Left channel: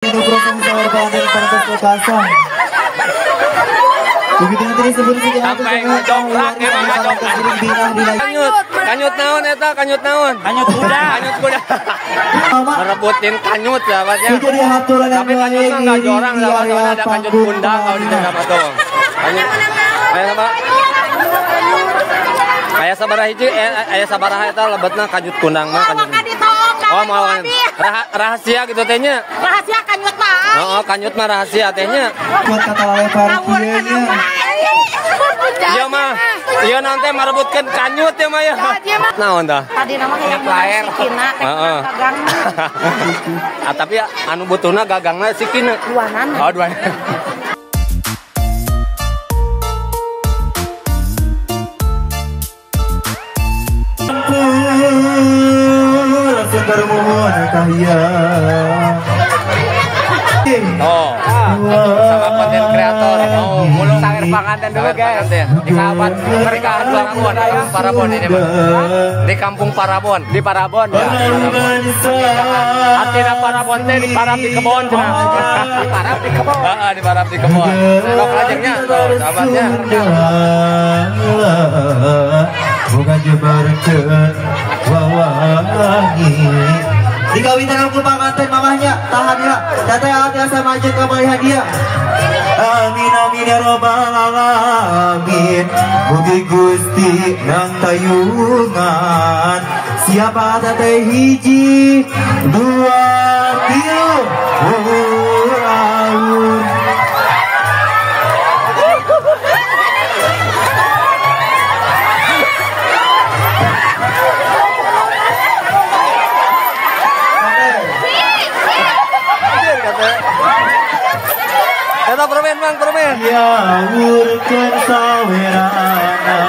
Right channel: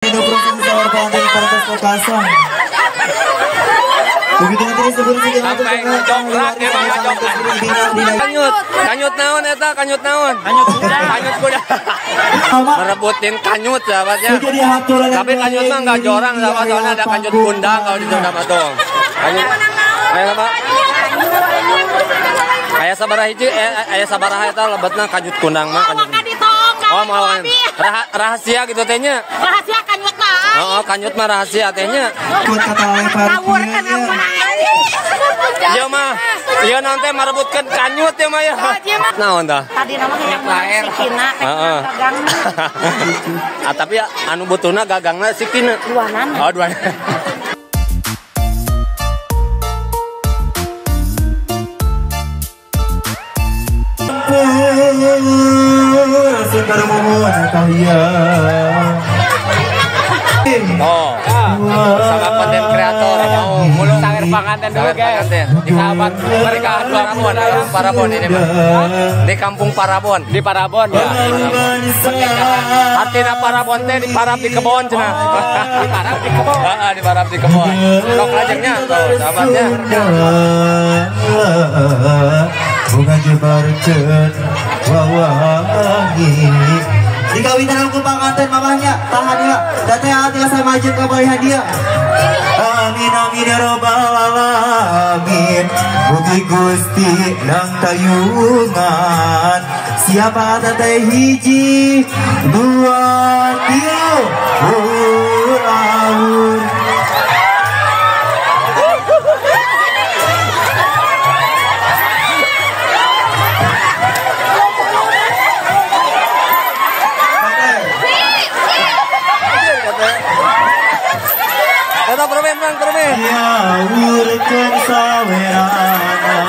Itu proses sahur dari Partas Lokasang. Begitu terus sampai ngejongkrak emang ngejongkrak. Kanyut naon eta kanyut naon? Kanyut kuda. Merebutin kanyut ya Pak ya. Tapi kanyut tuh enggak jorang sama soalnya ada kanyut bunda kalau di sana Pak tuh. Kanyut. Ayo Pak. Aya sabaraha hiji aya sabaraha eta lebetna kanyut kundang mah kanyut. Oh mau rahasia gitu tehnya. Rahasia kanyut mah. Oh kanyut mah rahasia tehnya. Buat kata oleh parkiannya. Iya mah, iya nanti merebutkan kanyut ya mah ya. Naon tah? Tadi nama yang bener sikina gagang. Tapi anu butuna gagangna sikina. Duanan. Oh duanan. Oh, bersama konten kreator mau mulung sangir panganten dulu guys di sahabat pernikahan Parabon, Parabon ini Bang. Di kampung Parabon, di Parabon ya. Pernikahan artinya Parabon teh di parab di kebon cuma. Di parab di kebon. Heeh, di parab di kebon. Sok lajengnya tuh sahabatnya. Bukan jebarkeun wawangi. Dikawinan aku panganten mamahnya tahan lah datang hati asa majid kembali hadiah. Amin amin ya robbal alamin. Mugi Gusti yang tayungan. Siapa ada teh hiji dua tilu awur. Eta permen Bang, permen. Ya urkeun sawerana.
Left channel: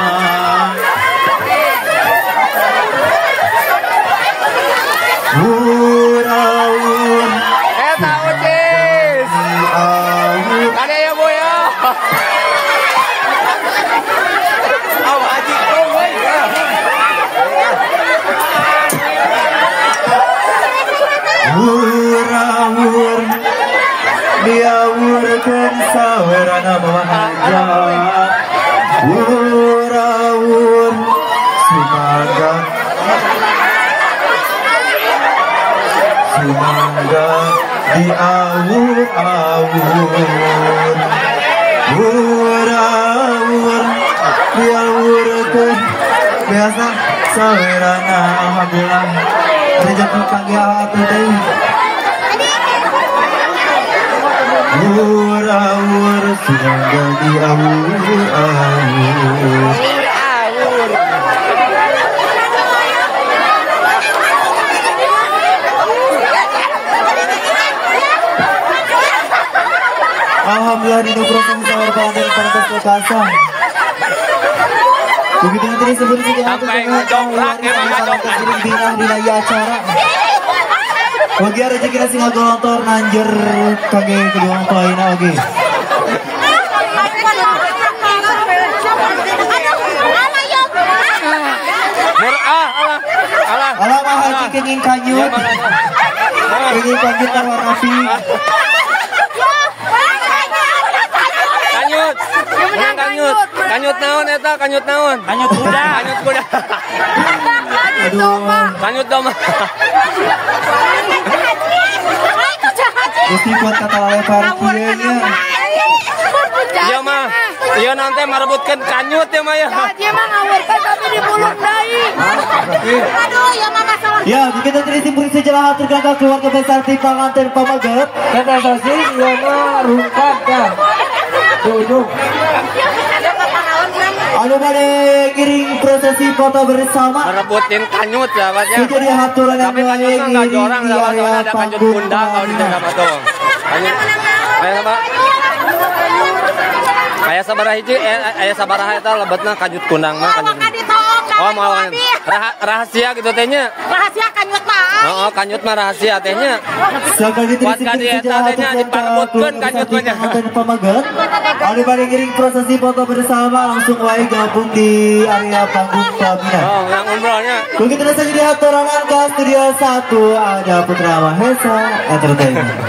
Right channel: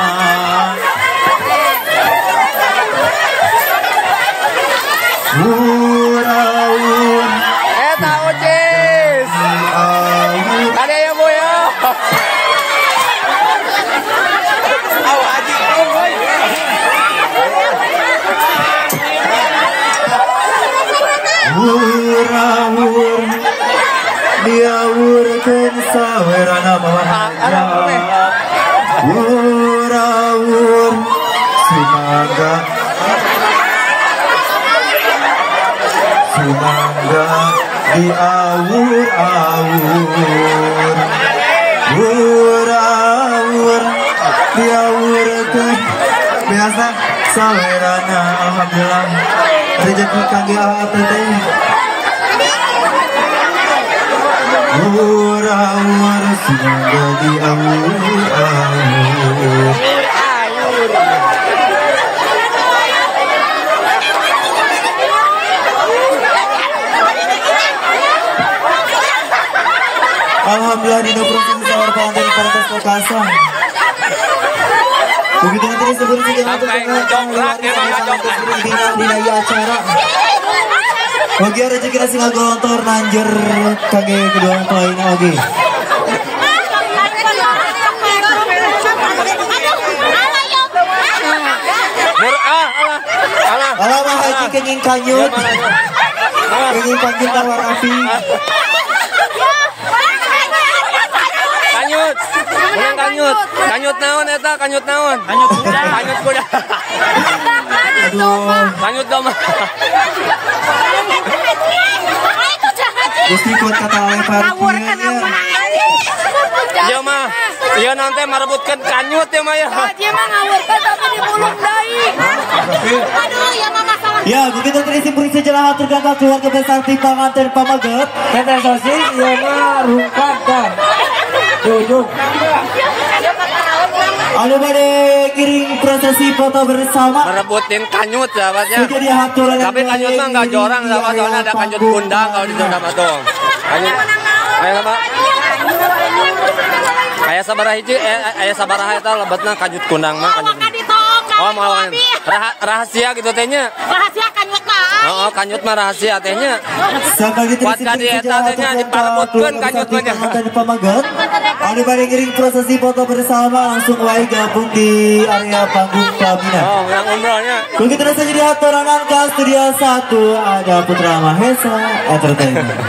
Uraun. Eta ucis. Tadi ya Bu ya. Uraun. Diawurkeun sawerana manja. Uraun sumangga. Sumangga diawur-awur. Uraun diawurkeun biasa sawerana alhamdulillah. Rezeki kangge atur teh. Awur-awur sumangga diawur-awur. Alhamdulillah dino proses sahur dari Partas Lokasang. Begitu terus sampai ngejongkrak emang ngejongkrak. Dinaya acara. Bagi rezeki nasi ngagolontor nanjer kage kedua mempelainya oge. Alah mah kenging kanyut. Kenging kanyut tawar api. Kanyut. Menang kanyut. Kanyut naon eta? Kanyut naon? Kanyut kuda. Kanyut domba. Gusti buat kata oleh parkiannya. Iya mah, iya nanti merebutkan kanyut ya mah ya. Dia mah ngawurkeun tapi di mulut deui. Aduh, ya mah masalah. Ya, begitu terisi purisi jelah hatur gagah keluarga besar di panganten pamaget. Kata sosis, iya mah rungkat kan. Duduk. Anu bade giring prosesi foto bersama. Merebutin kanyut ya Pak ya. Jadi haturan yang tapi kanyut tuh enggak jorang sama soalnya ada kanyut bunda kalau di sana Pak tuh. Kanyut. Ayo Pak. Aya sabaraha hiji aya sabaraha eta lebetna kanyut kundang mah kanyut. Oh mau rahasia gitu tehnya. Rahasia kanyut mah. Oh kanyut mah rahasia tehnya. Buat kadi eta tehnya diparebutkeun kanyut mah nya. Anu bade giring prosesi foto bersama langsung wae gabung di area panggung pelaminan. Oh yang umrohnya. Begitu saja di haturan ke studio 1 ada Putra Mahesa Entertainment.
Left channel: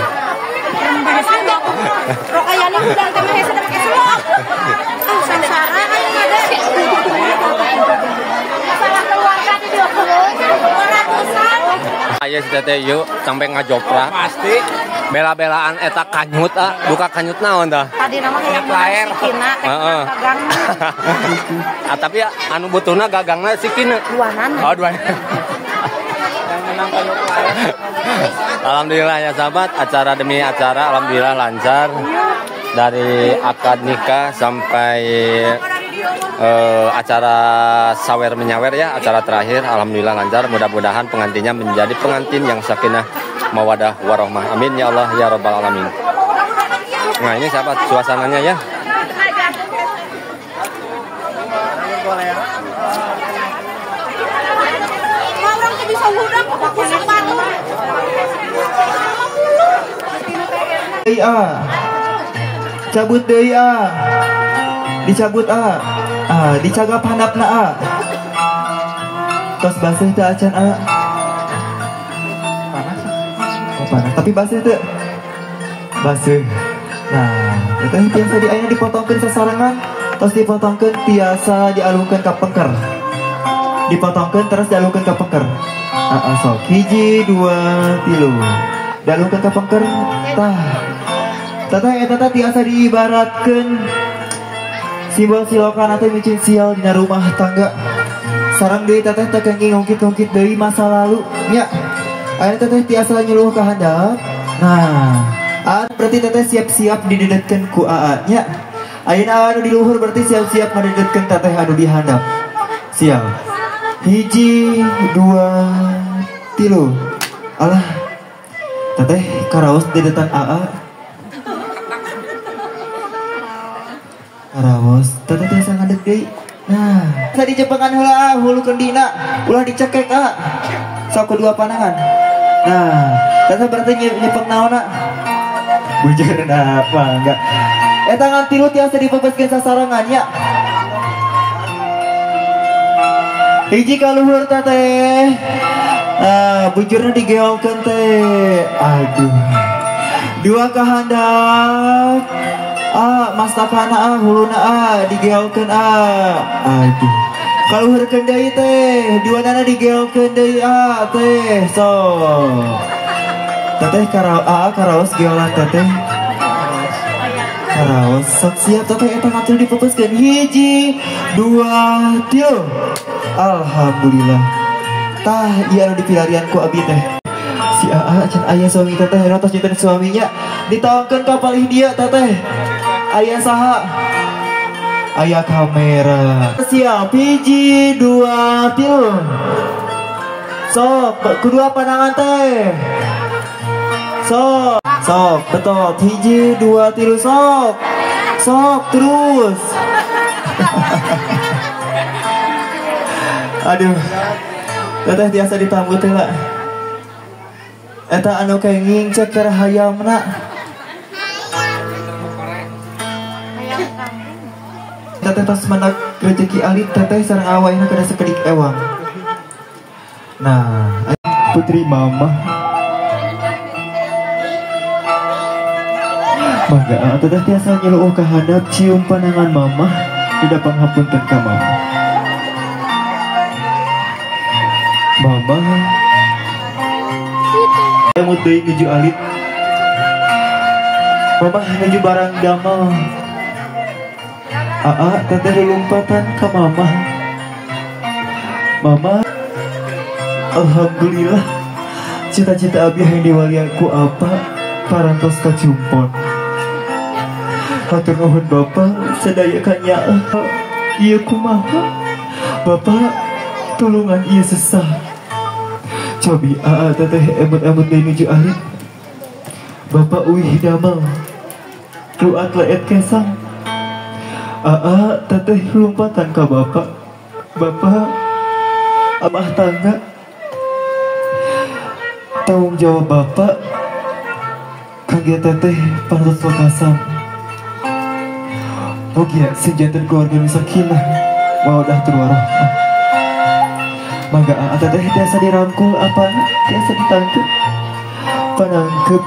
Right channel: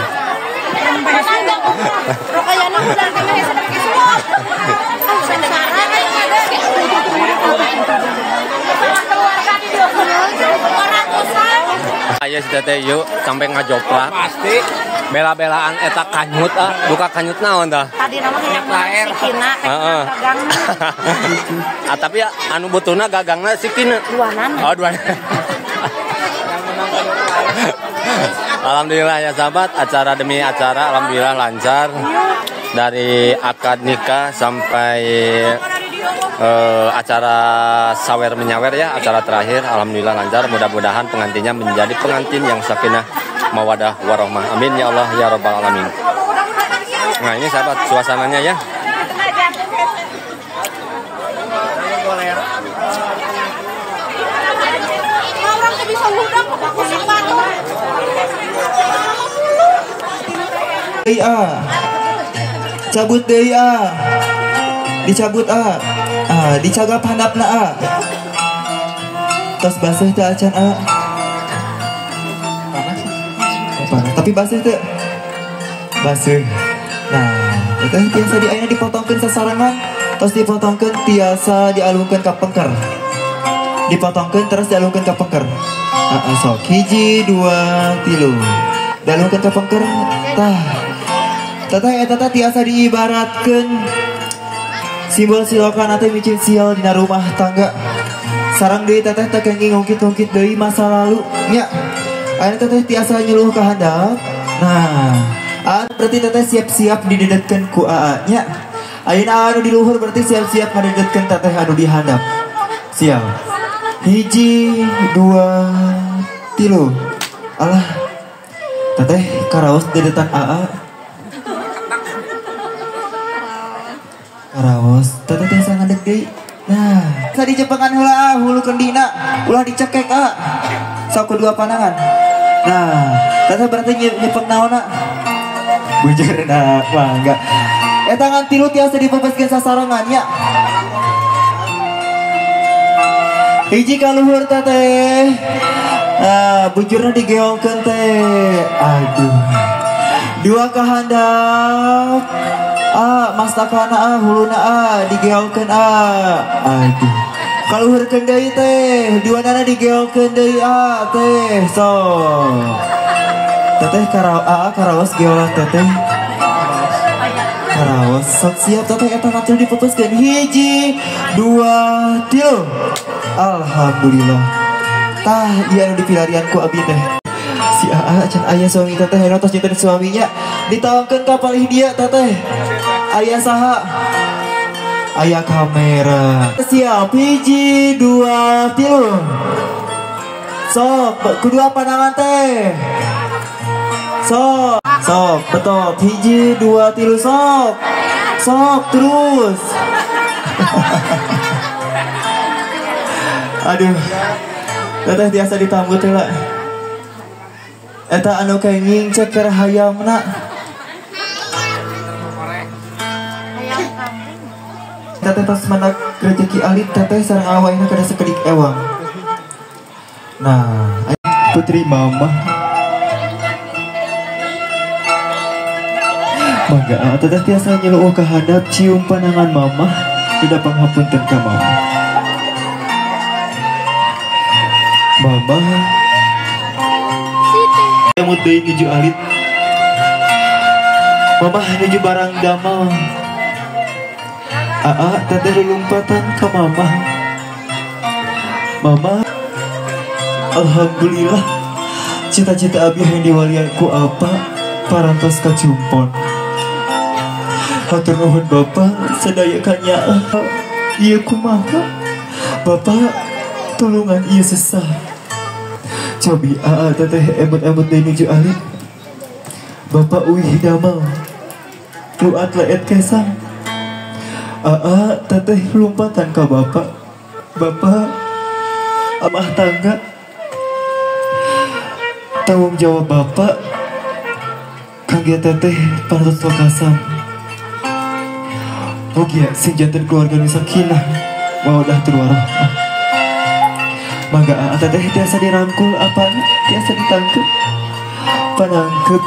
Rokayana udah kemana sama kisah. Ayo si teteh yuk sampai ngajoprak. Pasti. Bela-belaan eta kanyut buka kanyut naon tah? Tadi nama yang menang si Kina, gagang. Tapi anu butuna gagangna si Kina. Duanan. Oh, duanan. Alhamdulillah ya sahabat, acara demi acara alhamdulillah lancar. Dari akad nikah sampai acara sawer menyawer ya, acara terakhir alhamdulillah lancar. Mudah-mudahan pengantinnya menjadi pengantin yang sakinah mawadah warohmah. Amin ya Allah ya rabbal alamin. Nah ini sahabat suasananya ya. Cabut deui dicabut dicagap handapna tos baseuh teh acan panas tapi baseuh teh baseuh. Nah teh tiasa di ayeuna dipotongkeun sasarangan tos dipotongkeun tiasa dialungkeun ka pengker, dipotongkeun terus dialungkeun ka pengker. Sok 1 2 3 dialungkeun ka pengker tah. Teteh eta tiasa diibaratkeun simbol silokan atau micin sial dina rumah tangga. Sareng deui teteh teh kenging ngungkit-ngungkit deui masa lalu nya. Aya teteh tiasa nyuluh ka handap. Nah, berarti teteh siap-siap didedetkeun ku AA nya. Ayeuna anu di luhur berarti siap-siap ngadedetkeun teteh anu di handap. Siap. 1 2 3. Alah. Teteh karaos dedetan AA. Karaos, teteh tiasa ngadeg deui. Nah, tadi cepengan heula hulu kendina, ulah dicekek sok kedua panangan. Nah, teteh berarti nyepeng naon bujarna mangga. Eta ngan tilu tiasa dipepeskeun sasarangan nya. Hiji ka luhur teteh. Bujurna digeolkeun teh. Aduh. 2 ka handap. Mastakana huluna digeolkeun aduh kaluhurkeun deui teh duanana digeolkeun deui teh sok teteh karaos geolan teteh karaos sok siap teteh eta ngatur dipepeskeun 1 2 3. Alhamdulillah tah ieu anu dipilarian ku abi teh si can aya suami teteh tos nyimpen suaminya ditawangkeun ka palih dia teteh. Aya saha? Aya kamera. Siap 1 2 3. Sok kedua pandangan teh. Sok betul 1 2 3 sok terus. Aduh. Teteh biasa ditambut teh lah. Eta anu kenging cek keur hayamna. Teteh tos mendak rezeki alit teteh sareng awakna kada sakedik ewang. Nah, putri mama. Mangga teteh tiasa nyelueuh ka handap cium panangan mama, tidak panghapunten ka mama. Mama. Emut deui nuju alit. Mama nuju barang damel. Teteh lulumpatan ke mama. Mama, alhamdulillah cita-cita abi yang diwalianku apa parantos kacumpon. Hatur nuhun bapak sadayakannya iya kumaha bapak tolongan iya sesah. Cobi teteh emut-emut dari nuju alit. Bapak uih damel luat leet kesang. Teteh lumpatan ka bapak. Bapak amah tangga. Tanggung jawab bapak kangge teteh pantos lokasam. Mugia sejanten keluarga nu sakinah mawaddah warahmah. Mangga teteh tiasa dirangkul apa tiasa ditangkep panangkep